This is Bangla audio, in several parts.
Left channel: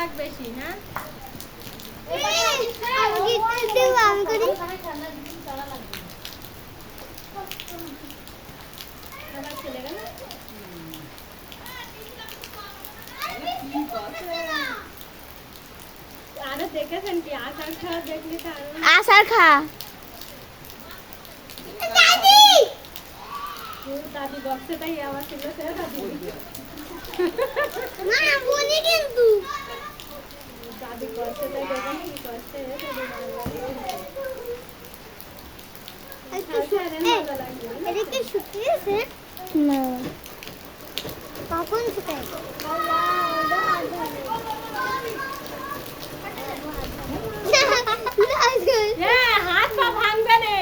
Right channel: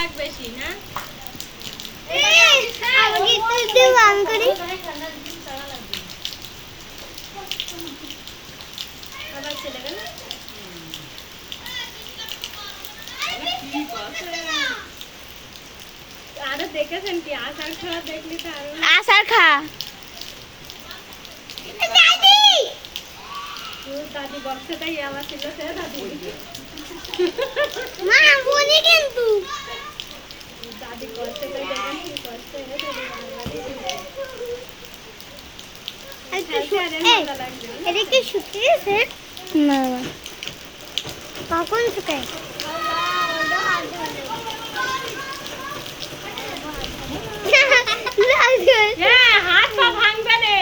চালাক বেশি না আরো দেখেছেন কি আচার খাওয়া দেখলি তো আরো আচার খা দাদি বক্সটাই আবার ছিল সে দাদি দাদি করছে তো দেখেন কি করছে এটা কি শুকিয়েছে? না কখন শুকায়? হ্যাঁ হাত পা ভাঙবে রে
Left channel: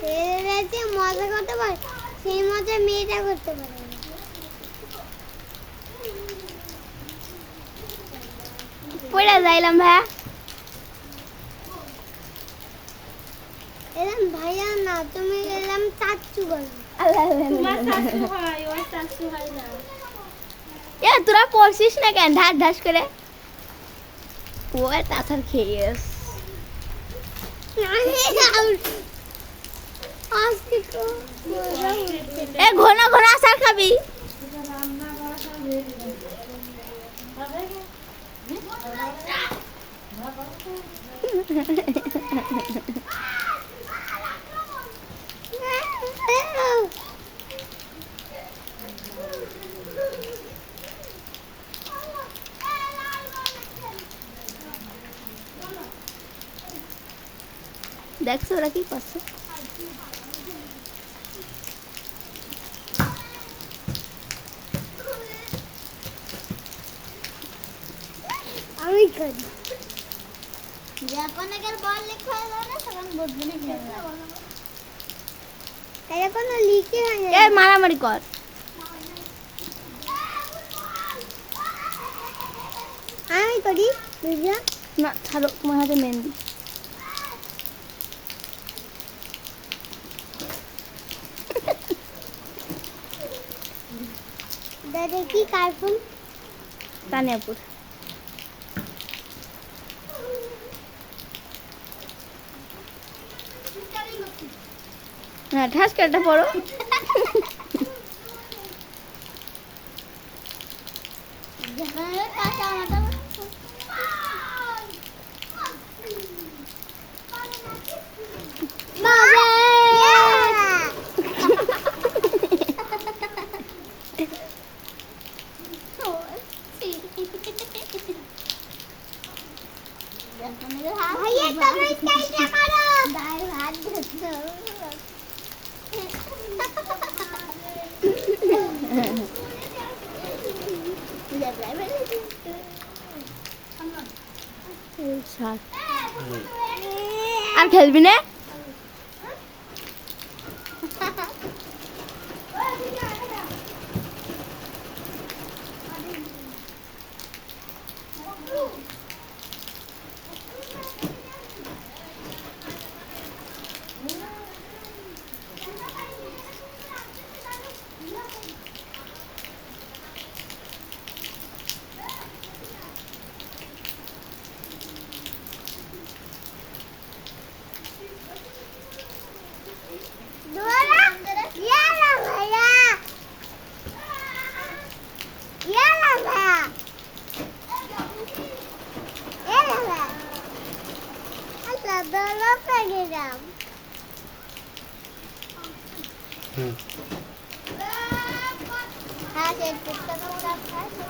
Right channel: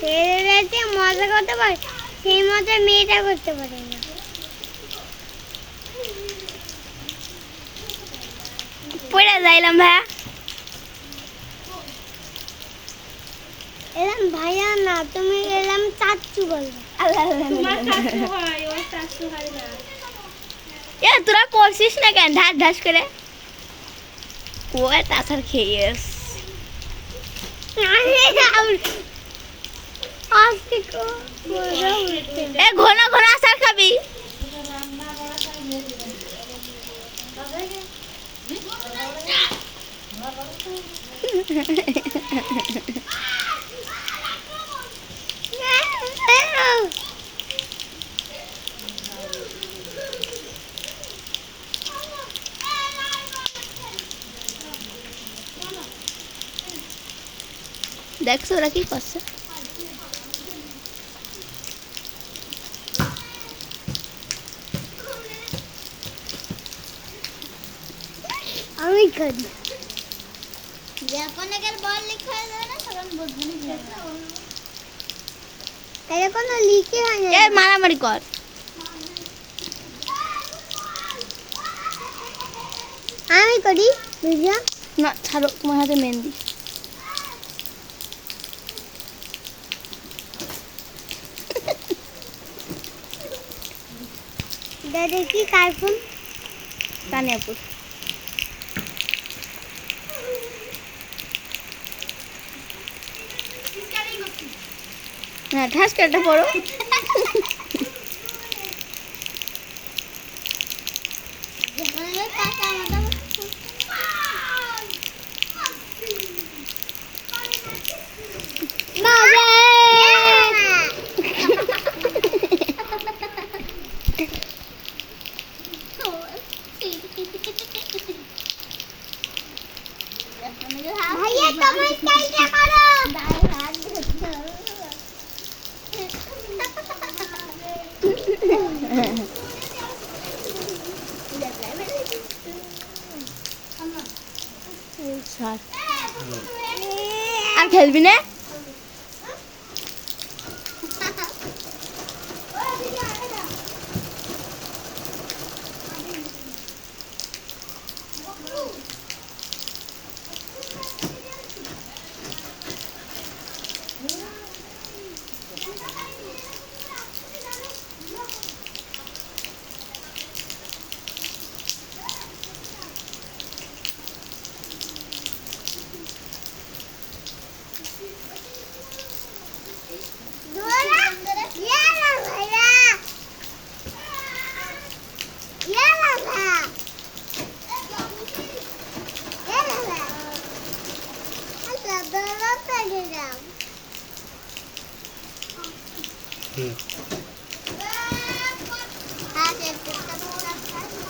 ছেলেরা যে মজা করতে পারে সেই মজা মেয়েটা করতে পারে না। পড়ে যাইলাম ভাইয়া এরম ভাইয়া না তুমি এরম চাচ্চু বলবে। তোমার শাশু হয় ওর শাশু হয় না এ তোরা পড়ছিস না কেন ঢাস ঢাস করে ও আচার খেয়েস এ ঘন ঘন আচার খাবি দেখছো ওরা কি করছে আমি করি যখন এর বল লেখা যায় না তখন বদলে যায় তাই কোনো লিখে হয় না এ মারামারি কর আমি করি বুঝলা না ছাড়ো তোমার হাতে মেহেন্দি দাদা কি কার্টুন তানিয়াপুর হ্যাঁ ঠাস কেটে পড়ো ভাইয়া তুমি কেটে করো ভাই হাত ধরছো আর খেলবি না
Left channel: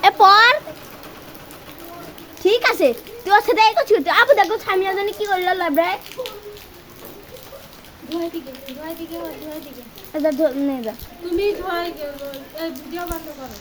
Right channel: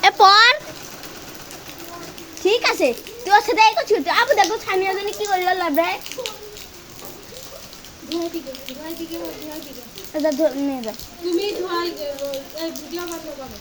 এ পর ঠিক আছে তুই ওর সাথে এই করছিস আবু দেখো সামিয়া জানি কি করলো লাভরে এটা নে যা তুমি ভিডিও বন্ধ করো